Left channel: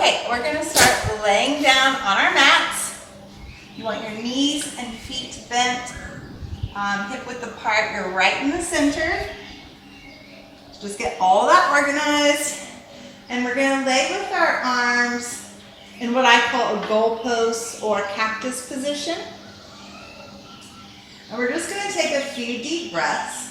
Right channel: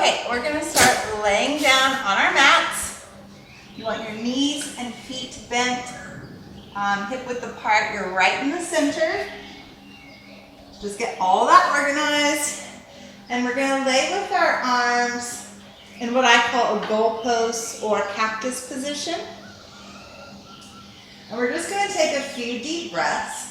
Okay, we're gonna start laying down on our mats. You want your knees and feet bent, hip width apart. You're right in the center. Just get all that organized. And we're gonna lay with our arms in what I call a goalpost or cactus position. And we're just gonna take a few deep breaths.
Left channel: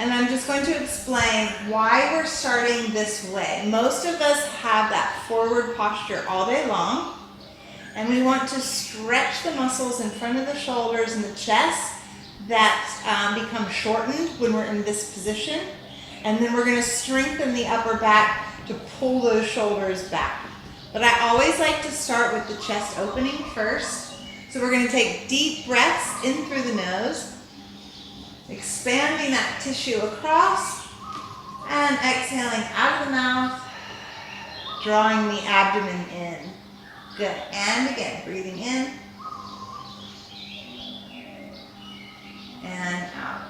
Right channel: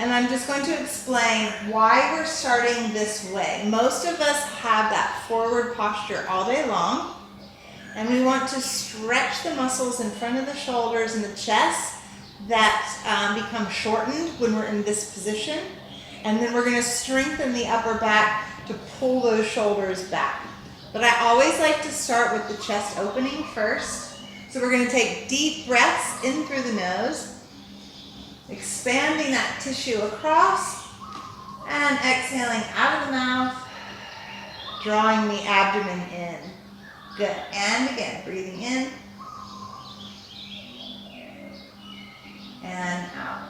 And I'm just going to explain why we're starting this way. Most of us have that forward posture all day long. And we want to stretch the muscles in front of the shoulders and the chest that become shortened when we're in this position. And then we're going to strengthen the upper back to pull those shoulders back. But I always like to start with the chest opening first. So we're going to take deep breaths in through the nose, expanding that tissue across, and exhaling out of the mouth, drawing the abdomen in. Good. And again, breathing in and out.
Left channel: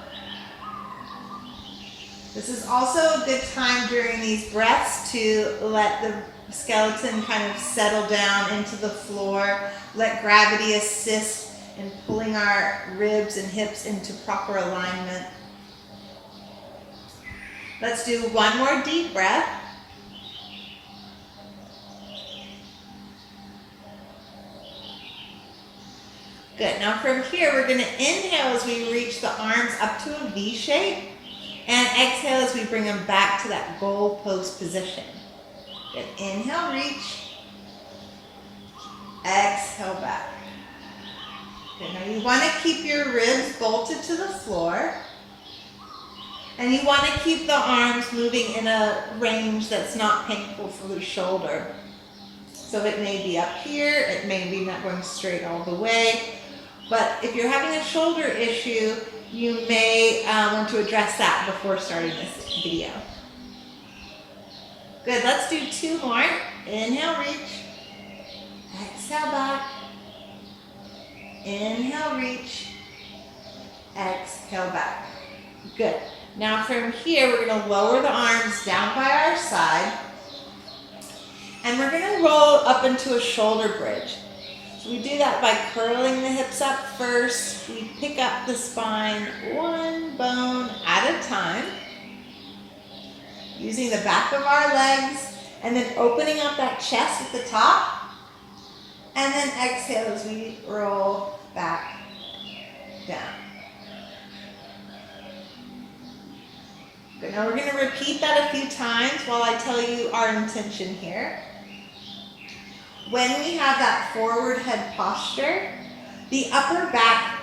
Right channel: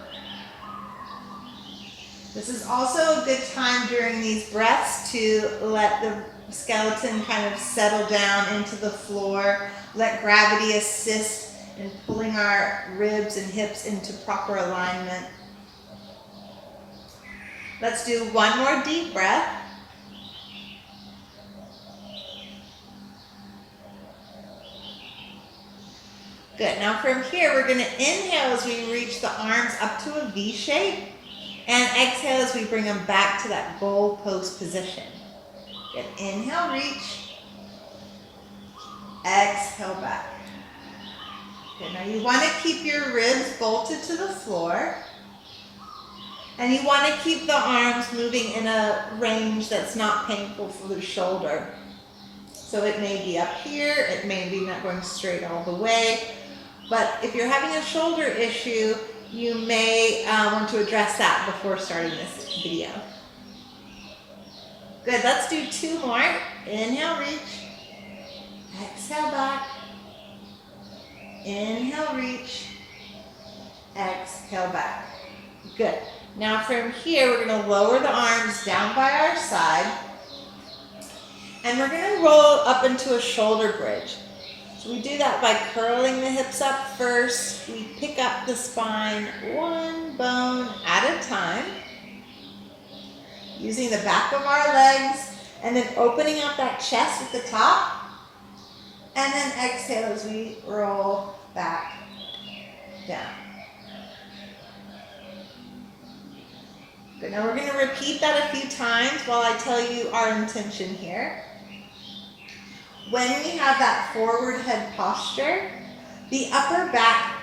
This is also a good time during these breaths to let the skeleton kind of settle down into the floor, let gravity assist in pulling our ribs and hips into proper alignment. Let's do one more deep breath. Good. Now from here, we're going to inhale as we reach the arms up to a V shape, and exhale as we bring them back to that goalpost position. Good. Inhale, reach. Exhale back. Good. Now you want to keep your ribs bolted to the floor, and you want to keep the arms moving in a range that's not painful for the shoulder. So it may be up here, it may be not going straight all the way. But if you're having a shoulder issue, you may want to address that before starting this video. Good, let's do two more. Inhale, reach. Exhale back. Inhale, reach. Exhale back. Good. Now from here, we're going to lower the arms down by our side. And we're going to roll up into a shoulder bridge. So we do that by curling the hips up first. We pick up the spine one bone at a time, using the back of our legs, and then opening up that chest at the top. And then exhale as we roll back down. Good. Now we're going to repeat that a few times while I tell you our intention here. When we have that forward head posture, the upper back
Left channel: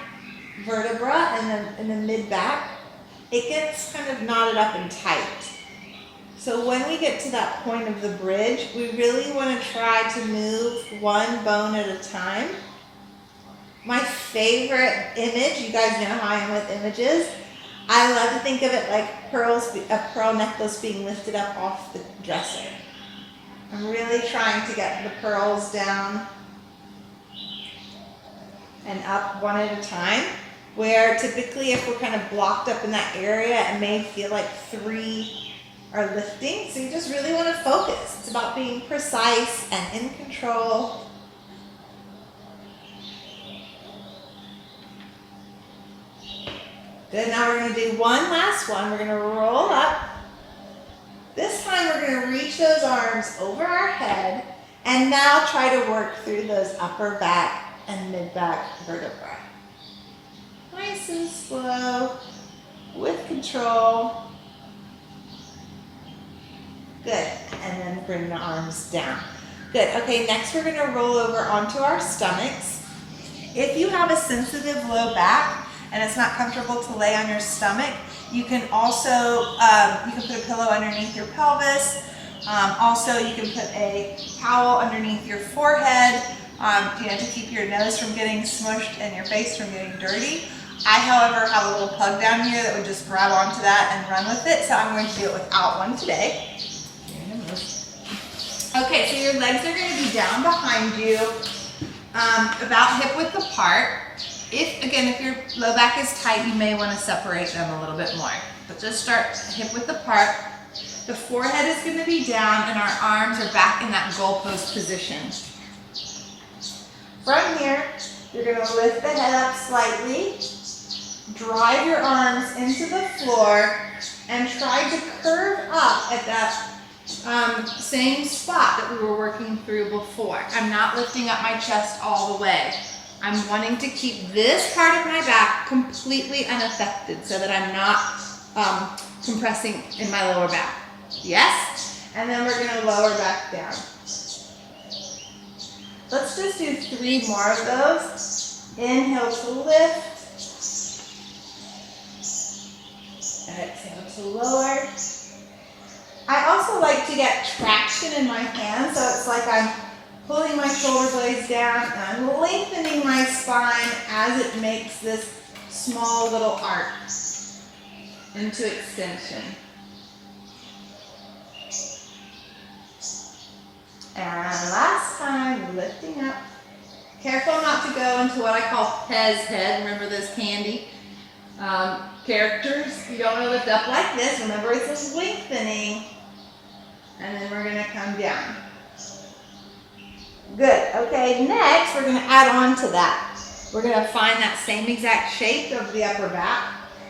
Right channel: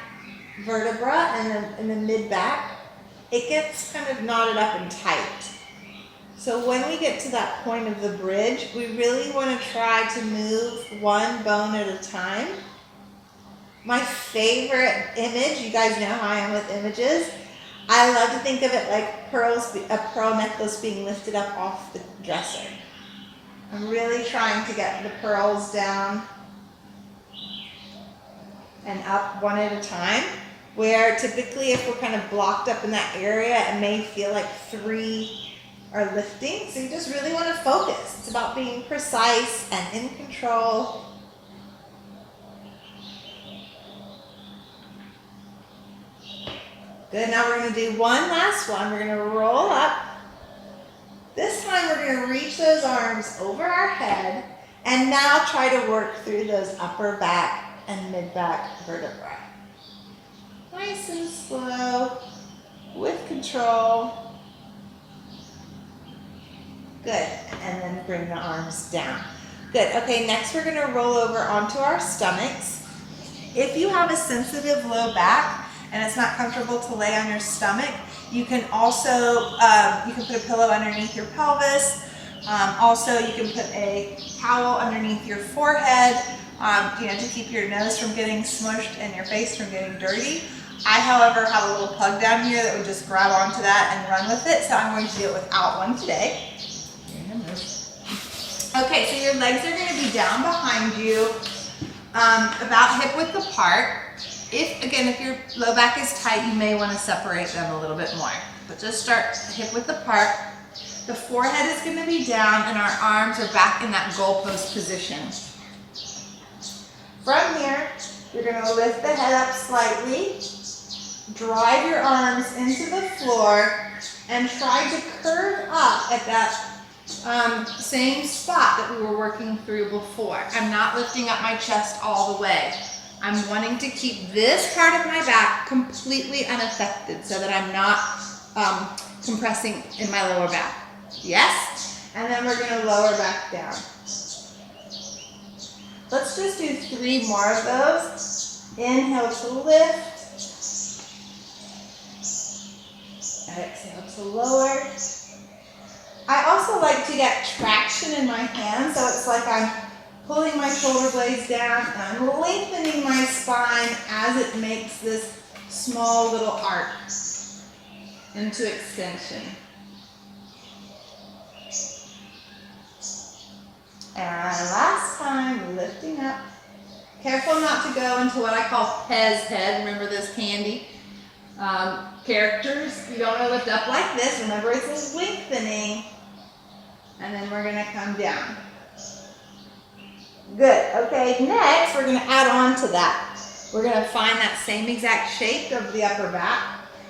vertebra and the mid back, it gets kind of knotted up and tight. So when we get to that point of the bridge, we really want to try to move one bone at a time. My favorite image, you guys know how I am with images, I love to think of it like pearls, a pearl necklace being lifted up off the dresser. I'm really trying to get the pearls down and up one at a time, where typically if we're kind of blocked up in that area, it may feel like three are lifting. So you just really want to focus. It's about being precise and in control. Good, now we're going to do one last one. We're going to roll up. This time we're going to reach those arms over our head and now try to work through those upper back and mid back vertebrae. Nice and slow, with control. Good, and then bring the arms down. Good, okay, next we're going to roll over onto our stomachs. If you have a sensitive low back and it's not comfortable to lay on your stomach, you can also, you can put a pillow underneath your pelvis. Also, you can put a towel underneath your forehead, to keep your nose from getting smushed and your face from getting dirty. I, however, have a little plug down here that would just grab onto that and run with it, so I'm going to do it without one today. Okay, so your legs are going to be down behind you, about hip width apart. If your low back is tight, you may want to separate them a little bit more. But just start hip width apart. The forehead is going to be down and our arms are back in that goalpost position. From here, you're going to lift the head up slightly, drive your arms into the floor, and try to curve up at that same spot that we were working through before. I'm not lifting up my chest all the way. I'm wanting to keep this part of my back completely unaffected so that I'm not compressing in my lower back. Yes? And then we're going to lower back down. Let's just do 3 more of those. Inhale to lift. Exhale to lower. I also like to get traction in my hands, so it's like I'm pulling my shoulder blades down and I'm lengthening my spine as it makes this small little arc into extension. And last time, lifting up. Careful not to go into what I call Pez head. Remember those candy characters? You don't want to lift up like this. Remember, it's a lengthening. And then we're going to come down. Good. Okay, next we're going to add on to that. We're going to find that same exact shape of the upper back.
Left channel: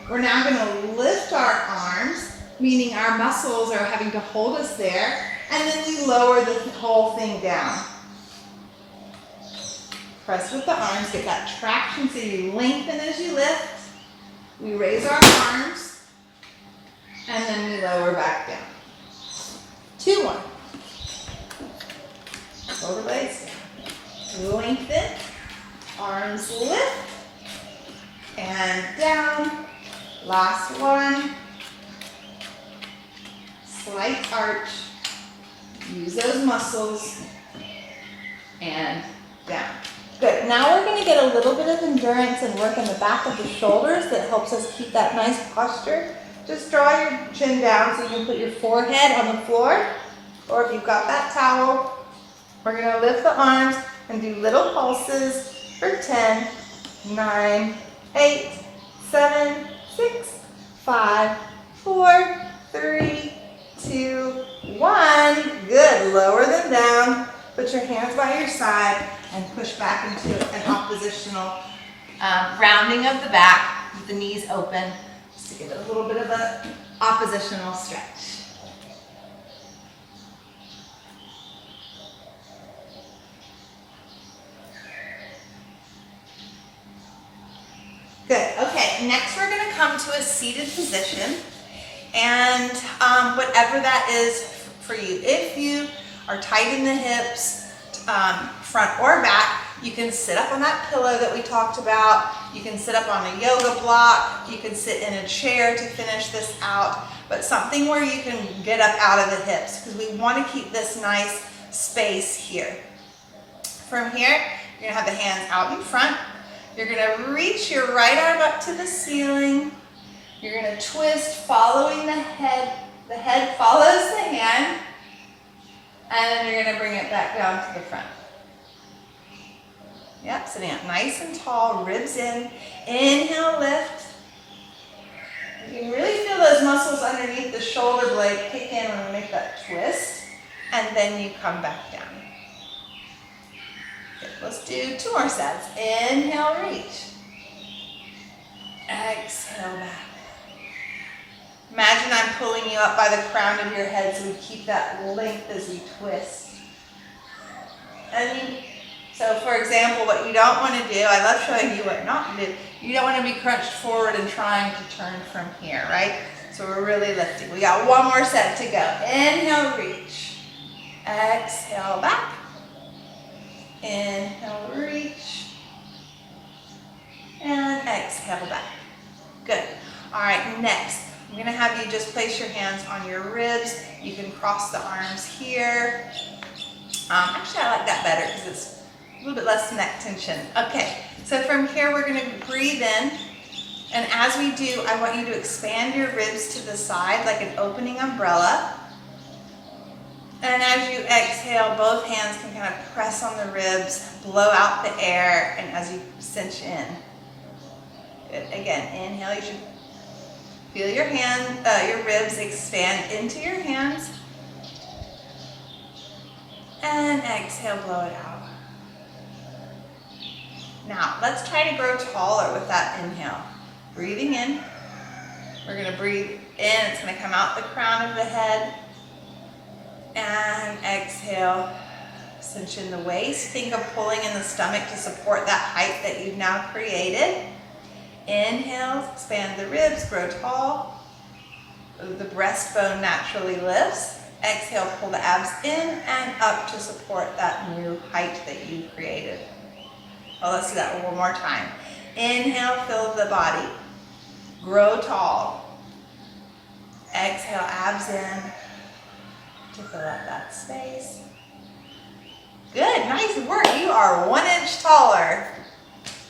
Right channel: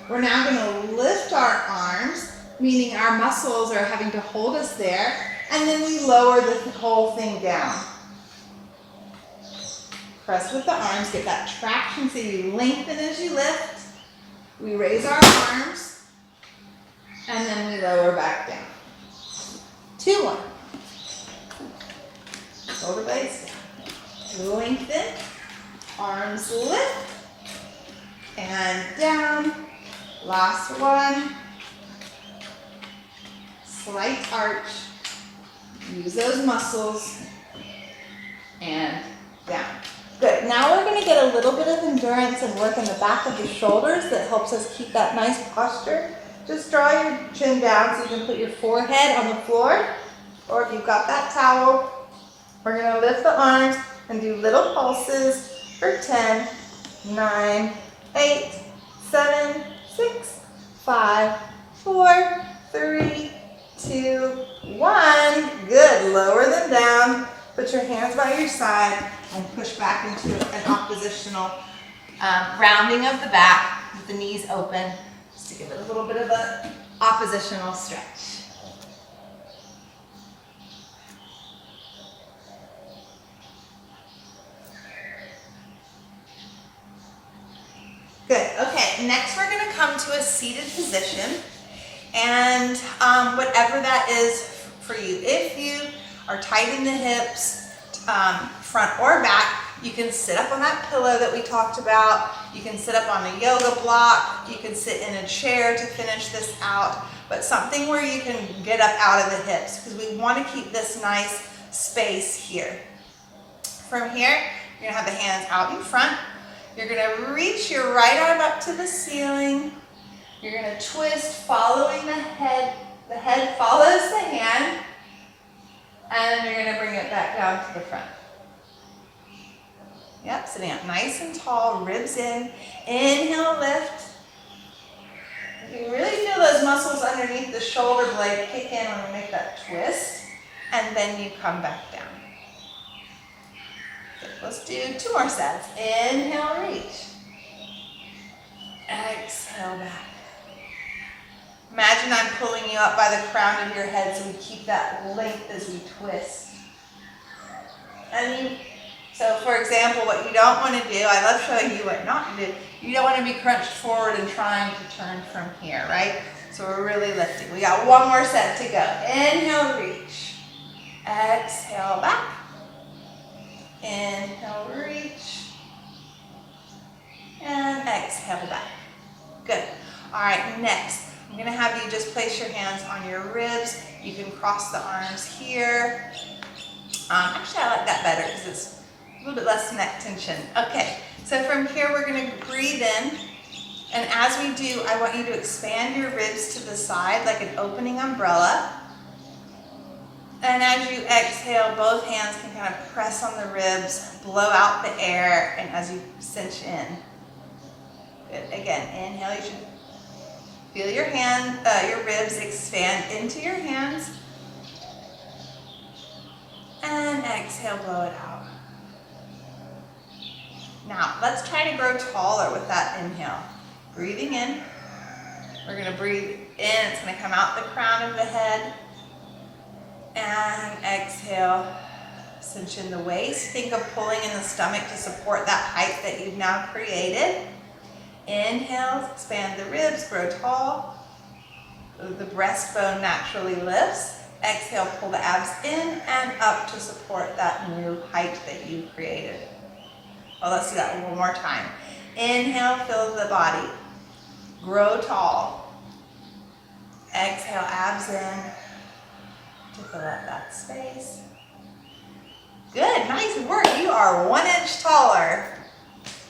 We're now going to lift our arms, meaning our muscles are having to hold us there. And then we lower the whole thing down. Press with the arms, get that traction so you lengthen as you lift. We raise our arms, and then we lower back down. 2 more. Shoulder blades down. Lengthen, arms lift, and down. Last one. Slight arch. Use those muscles, and down. Good. Now we're going to get a little bit of endurance and work in the back of the shoulders that helps us keep that nice posture. Just draw your chin down so you can put your forehead on the floor, or if you've got that towel, we're going to lift the arms and do little pulses for 10, 9, 8, 7, 6, 5, 4, 3, 2, 1. Good. Lower them down. Put your hands by your side and push back into an oppositional rounding of the back with the knees open, just to give it a little bit of an oppositional stretch. Good. Okay. Next, we're going to come to a seated position. And whatever that is for you. If you are tight in the hips, front or back, you can sit up on that pillow that we talked about. You can sit up on a yoga block. You can sit in a chair to finish this out. But something where you can get up out of the hips, because we want to keep this nice space here. From here, you're going to have the hands out in front. You're going to reach your right arm up to the ceiling. You're going to twist following the head. The head follows the hand. And then you're going to bring it back down to the front. Yep, sitting up nice and tall, ribs in. Inhale, lift. You can really feel those muscles underneath the shoulder blade kick in when we make that twist. And then you come back down. Good, let's do 2 more sets. Inhale, reach. Exhale, back. Imagine I'm pulling you up by the crown of your head so we keep that length as we twist. So for example, what you don't want to do, I love showing you what not to do. You don't want to be crunched forward and trying to turn from here, right? So we're really lifting. We got 1 more set to go. Inhale, reach. Exhale, back. Inhale, reach. And exhale, back. Good. All right, next. I'm going to have you just place your hands on your ribs. You can cross the arms here. Actually, I like that better because it's a little bit less neck tension. Okay, so from here we're going to breathe in. And as we do, I want you to expand your ribs to the side like an opening umbrella. And as you exhale, both hands can kind of press on the ribs, blow out the air, and as you cinch in. Good. Again, inhale, you should Feel your your ribs expand into your hands. And exhale, blow it out. Now, let's try to grow taller with that inhale. Breathing in. We're going to breathe in. It's going to come out the crown of the head. And exhale. Cinch in the waist. Think of pulling in the stomach to support that height that you've now created. Inhale, expand the ribs, grow tall. The breastbone naturally lifts. Exhale, pull the abs in and up to support that new height that you created. Oh, let's do that one more time. Inhale, fill the body. Grow tall. Exhale, abs in to fill up that space. Good, nice work. You are 1 inch taller.